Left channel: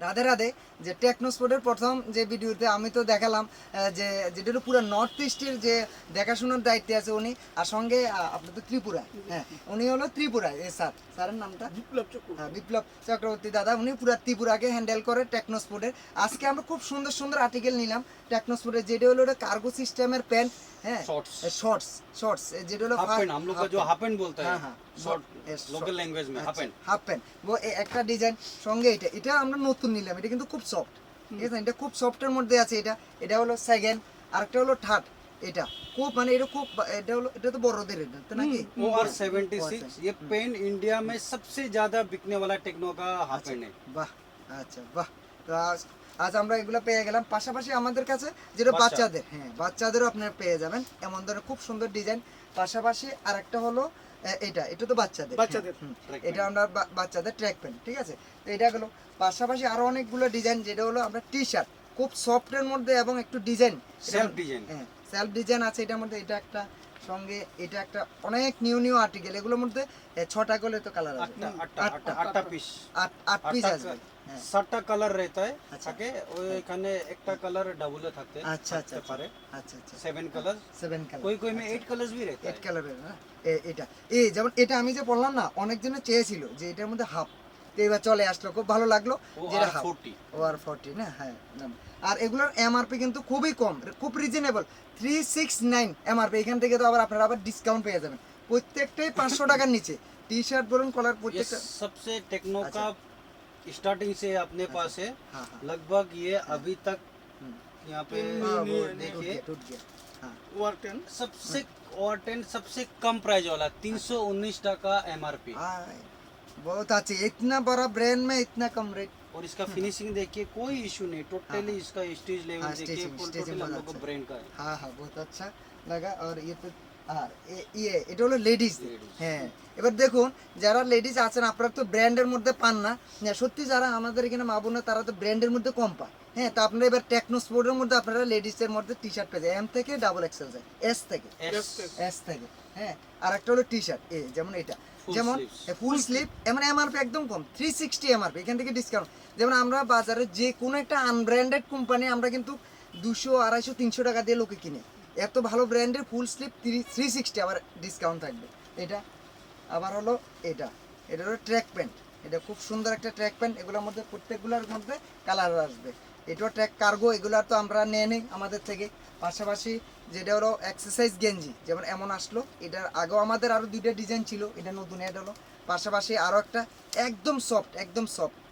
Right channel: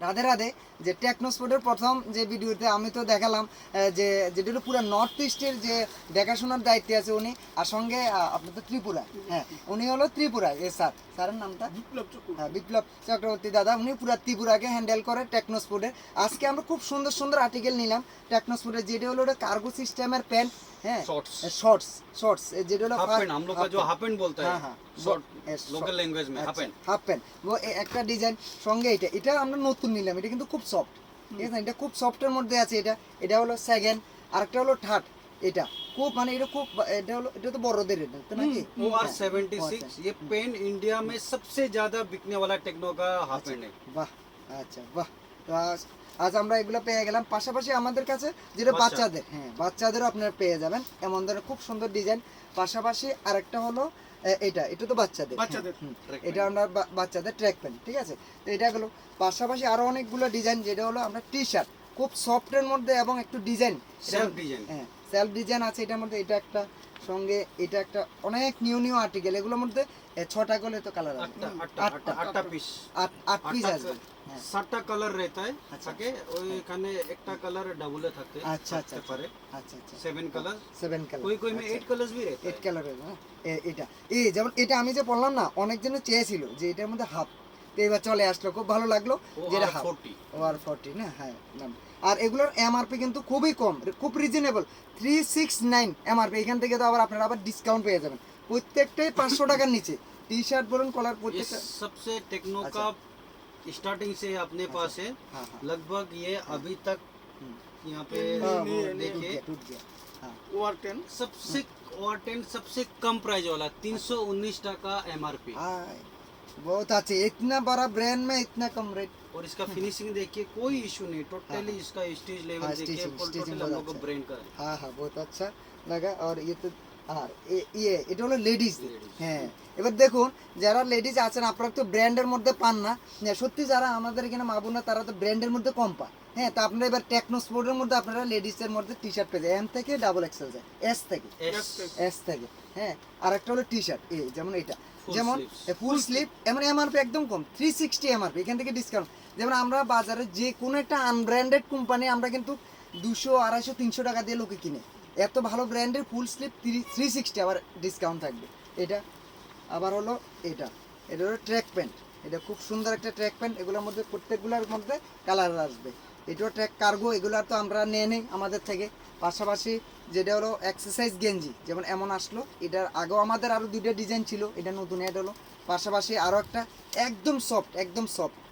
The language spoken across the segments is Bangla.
রাধে রাধে। যে টেকনোস্পোর্টের প্রথম যে ভিডিওতে আমি তো দেখালাম যে যেটা হলো পুরো নর্থ ইস্টের যে দেখাশোনার দায়িত্বে আছে উনি, আর সঙ্গে আপনার তো ত্রিপুরা, হ্যাঁ উনি হলো ত্রিপুরায় এ স্যারের নামটা বিপ্লব চক্রবর্তী দাদা, উনি পুরো ত্রিপুরাকে হ্যান্ডেল করে টেকনোস্পোর্টের। আজকে আমরা খুব সুন্দর সুন্দর আর্টিকেল নিলাম টেকনোস্পোর্টের, যেটা হলো কার্গো সিস্টেমের প্যান্ট, হ্যাঁ शॉर्ट्स যেটা হলো हाफ पैंट, हम लोग का जो हाफ पैंट बोलते हैं, हाँ शॉर्ट लोकल लैंग्वेज में हाफ पैंट। হাফ প্যান্ট ও একটা ডিজাইন সঙ্গে এটা আমরা নতুন নিলাম, এটা কিন্তু খুব সফট, ঠিক আছে, এটা খুব সফটের মধ্যে আছে। এটা হলো সেকেন্ড, আরেকটা হলো থার্ড। এটা খুব মানে এটা খুব এটা তো বড়দের, এটা তো নাকি OR 76 ये पेन इंडिया में सबसे ज्यादा बिकने वाला टेक्नो का हाफ पैंट है। বাহ, আচ্ছা বাহ। তো আজ আমরা এগুলো পেয়ে গেলাম, পাশাপাশি আমাদের কাছে যেটা বাচ্চাদের, হ্যাঁ বাচ্চাদেরও আপনারা পেয়ে যাবেন এমন ধরনের খুব সুন্দর ডিজাইন। পাশাপাশি আরেকটা হলো এটা তো বাচ্চাদের, এটা আমরা বাচ্চাদের ট্র্যাক প্যান্ট, ঠিক আছে। তো এটা গেলো, পাশাপাশি আরো অনেকগুলো ডিজাইন, যেটা হলো আমরা টি শার্ট খুব সফটের মধ্যে এবং একটু ডিজাইন, সেলফ ডিজাইন, হ্যাঁ সেলফ ডিজাইন আছে এটার মধ্যে। এটা একটা সঙ্গে এটা একটা অনেক নিউ আর্টিকেল, এগুলোর মধ্যে 6টা করে তো কালার আছে, 8টা পিস, 8 পিস আছে, 7টা কালার रहता है থাকে ওইখানে একটা কালার ডাবলে থাকে, আচ্ছা আচ্ছা পারে, আচ্ছা 7 কালার, 7 কালার, कोई में 8 कलर्स भी रहता है, 8 কালারের না এটা। এই যেমন এটা আমি যে বললাম না, অনেকজনে চেয়েছিল যে এটার মধ্যে হাফ, তো এবার চলে আসলো, খুব ভালো লাগলো যেটা হাফ ওয়ার 40 না, হ্যাঁ। আর এগুলোর এমআরপি কিন্তু খুবই কম, খুব রিজনেবল, 369 এমআরপি। এখান থেকে তো আপনারা আবার ডিসকাউন্ট পেয়ে যাবেন, প্রত্যেকটাই 500 টাকার নিচে, টি শার্ট বলুন কলার প্রত্যেকটা। सबसे टेक्नो का स्टार्टिंग से अपने पास है, लगभग ये अभी तक यहाँ पे देखिए टूट गया, हाँ सबसे और 10 सबसे कम प्राइस वाला 319 टका MRP, बहुत अच्छे, इतना बड़ा ब्रांड में इतना कम रेट। और इसका फिनिशिंग देखिए कोई इशू नहीं, टोटली इसका स्टेज लेवल देखिए, टोटली हम लोग का ब्रांड का है। हाँ बहुत अच्छा लगा। और ये तो আর এটা হলো লেডিস, হ্যাঁ। এবার দেখুন যারা লেডিস আছেন আপনারা তো ব্র্যান্ডের মধ্যে পান না, সত্যি যারা আমাদের এখানে মা বোনা তারা তো ব্র্যান্ডের মধ্যে কম পায়, হ্যাঁ। তো আপনারা এবার টেকনোস্পোর্টের মধ্যে আপনারা লেডিসের মধ্যে টি শার্ট পেয়ে যায়, এম থেকে ডাবল এক্সেল যায়, এস থেকে, হ্যাঁ। আর একটা হলো টি শার্ট, এই যেমন এটা, যেমন ফুল স্লিভ, এমন এমআরপি একদম কম, 360 এমআরপি, এখান থেকে ডিসকাউন্ট। যেমন আমরা বাজারে যে কোনো একটা আনব্র্যান্ডেড কোম্পানি আমরা কিন্তু 200, 250, 300 টাকা দিয়ে লোকে কিনে, এত ভালো ব্র্যান্ডের ফুল স্লিভ 360 আবার ডিসকাউন্ট থাকবে। এটা আবার হলো এটা হলো ট্র্যাক প্যান্ট, এটা খুব সুন্দর একটা ট্র্যাক প্যান্ট, এগুলোর মধ্যে প্রত্যেকগুলোর মধ্যে কালার আসবে। এটাও ট্র্যাক কার্গো, এগুলো তো আমরা নিয়ে নিই আমাদের থেকে। পাশাপাশি যেটা হলো এক্সারসাইজ গেঞ্জি, যেমন এমন আসলো, এটার আগেও আমাদের আরও 2টা ডিজাইন ছিল, এটা নতুন এটা হলো। পাশাপাশি আরও একটা একদম সফট,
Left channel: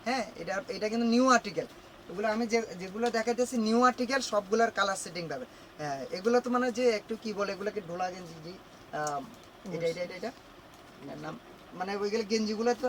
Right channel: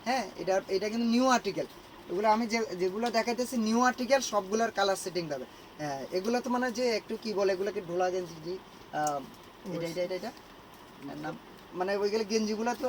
হ্যাঁ। এটা কিন্তু নিউ আর্টিকেল, এগুলো আমি যেগুলো দেখাইতেছি নিউ আর্টিকেল, সবগুলোর কালার সেটিং পাবে, হ্যাঁ। এগুলো তো মানে যে একটু কি বলে এগুলোকে ঢোলা গেঞ্জি, এটা নাম মানে ওইগুলো গেঞ্জিগুলো তো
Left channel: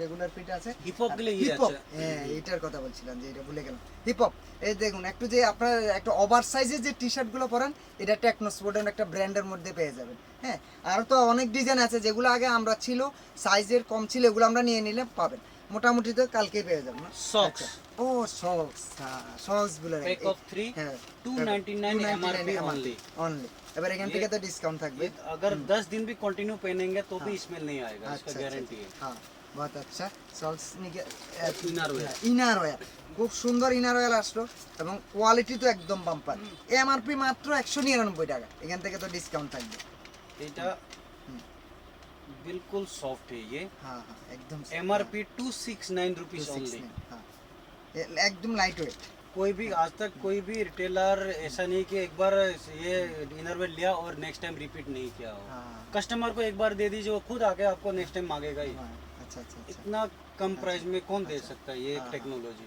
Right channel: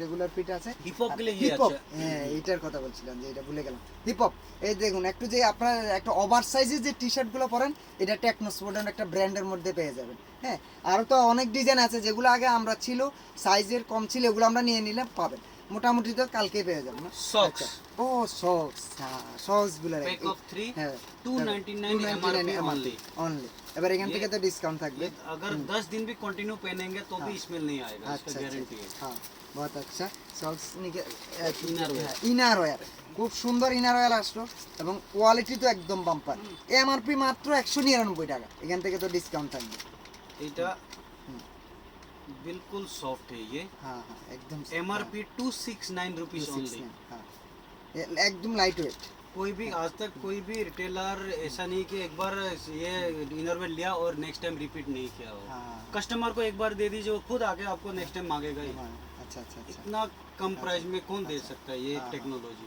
রেগুলার ফিট আছে, হিপ হপ গেলে ইয়ে আছে, হ্যাঁ এটার কথা বলছিলাম যে এটা ভুলে গেলাম, হিপ হপ। এই দেখুন একটু যে আপনারা একটা ওভার সাইজের যে টি শার্টগুলো পরেন, এটা টেকনোস্পোর্টের একটা ব্র্যান্ডের মধ্যে পেয়ে যাবেন, হ্যাঁ। আর তো অনেক ডিজাইন আছে যেগুলো আগে আমরা ছিল সাইজের কম ছিল, এগুলো আমরা নিয়ে নিলে পাবেন, মোটামুটি তো কালকে পেয়ে যাবো না। সক্স, ও সক্স গুলো প্যাক অফ 3 হ্যাঁ 299 MRP ओनली। এবার এখান থেকে তো ডিসকাউंट থাকবে, अगर 10 दिन भी कंटिन्यू पहनेंगे तो भी स्मेल नहीं आएगा, इसका गारंटी है। हाँ बहुत अच्छा। সক্স इनर ইনার ওয়্যার, খুব সুন্দর ইনার ওয়্যার আসলো এবং কোয়ালিটি তো একদম বাম্পার। এমআরপি মাত্র 199 টাকা, এখান থেকে তো ডিসকাউন্ট থাকবে। এটা बिल्कुल सॉफ्ट है ये, हाँ एकदम MRP 269 रुपीस ओनली, हाँ एकदम लाइट वेट। कोई भी आज तक कोई भी रिटेलर ऐसा नहीं कि एक बार ये इनरवेयर लिया और नेक्स्ट टाइम रिपीट नहीं किया हो। कस्टमर को एक बार दे दीजिए, वो खुद आके आपको नेक्स्ट टाइम मांगेगा ही। अच्छा इतना कम प्राइस में कौन दे सकता है ये टेक्नोलॉजी।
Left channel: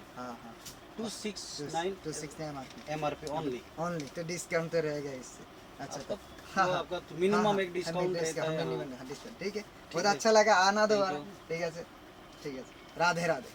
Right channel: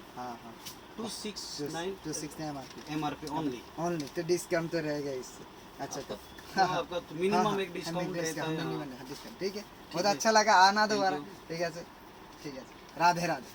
269 MRP ओनली, तो डिस्काउंट तो रहेगा इससे। अच्छा आपका मिनिमम एक डिस्काउंट रहता है, ठीक है। बहुत अच्छा लगा, आना दोबारा, ठीक है राधे राधे।